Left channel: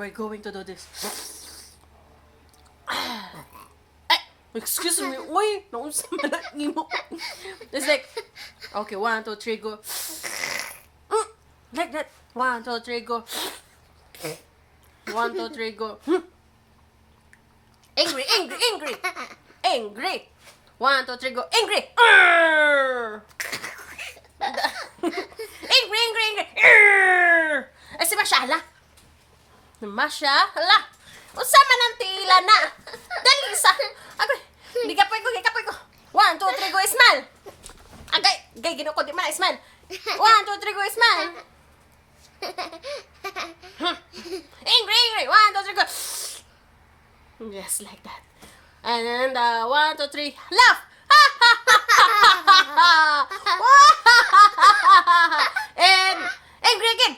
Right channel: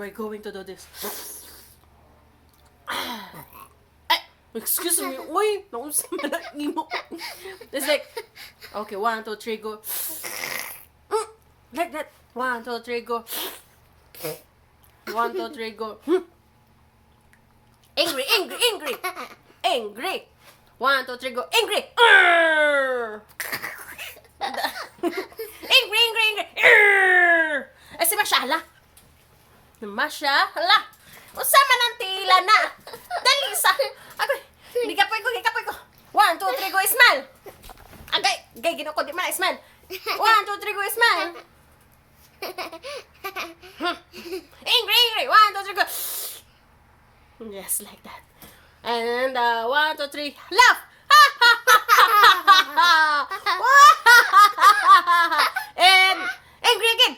we're going to do this. Ay, excuse me. Uy, naunsa man ang imo. It's like, okay, 1, 2, 3, go. Like that. 1, 2, 3, go. 1, 2, 3, go. Angry, angry, angry. Angry. 1, 2, 3, go. Angry. Angry, angry, angry. Eh, si Masya, hala. Masya, hala. Unsa man ang tila na. Dali sa. Agay, gigapoy ko. 1, 2, 3, go, smile. Agay, gino ko, di man, smile. 1, 2, 3, go, smile. Angry, angry. 1, 2, 3, go. Yes, like that. And 1, 2, 3, laugh. And angry again.